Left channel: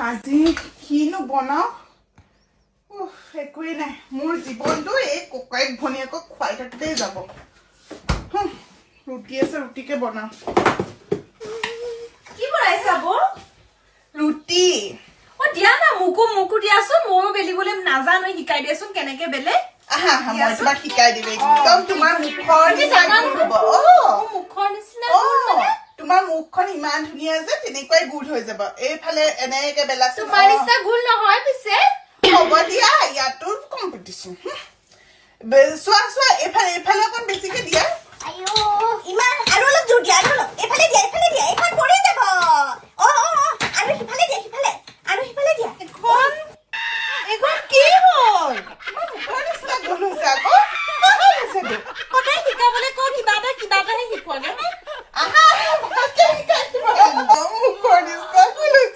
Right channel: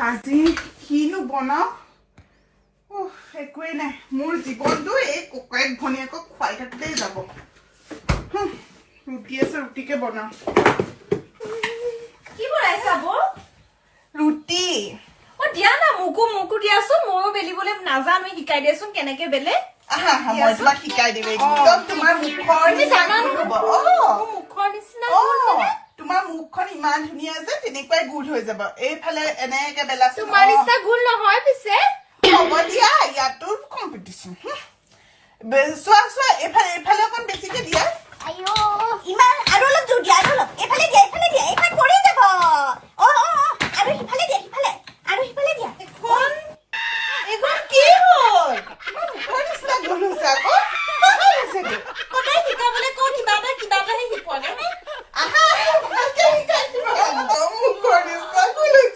আজি কিনো বনাও একোৱেই নাই মোৰ জীৱনটো এই ককাইক ভনীয়েকক খুৱাই থাকোঁতেই যাব ৰুটি আছে ৰুটিকে বনাও কি বনাইছা বৌ ৰুটি দিয়া না মুকু দিয়াচোন ময়ো বেলিবলৈ নাজানো শিকাই দিয়াচোন কেনেকে বেলে আহা মই তোমাক শিকাই দিম একদম তোমাৰ মুখৰ নিচিনা হ'ব মুখৰ নিচিনা তোমাৰ মুখখন ইমান ধুনীয়া যে তেনেকুৱাই গুড হৈ যাব এইফালে এনেকে বেলাচোন তোমাৰ নিচিনা গুল নহয় পিছে হ'ব দিয়া ইয়াতো কম্পিটিশ্যন চোৱা এইফালে অকণ বেছিকে দিয়া আইও ইমান আৰু অলপ জোৰ দিয়া আৰু অলপ এইফালে দিয়া এইফালে পৰি যাব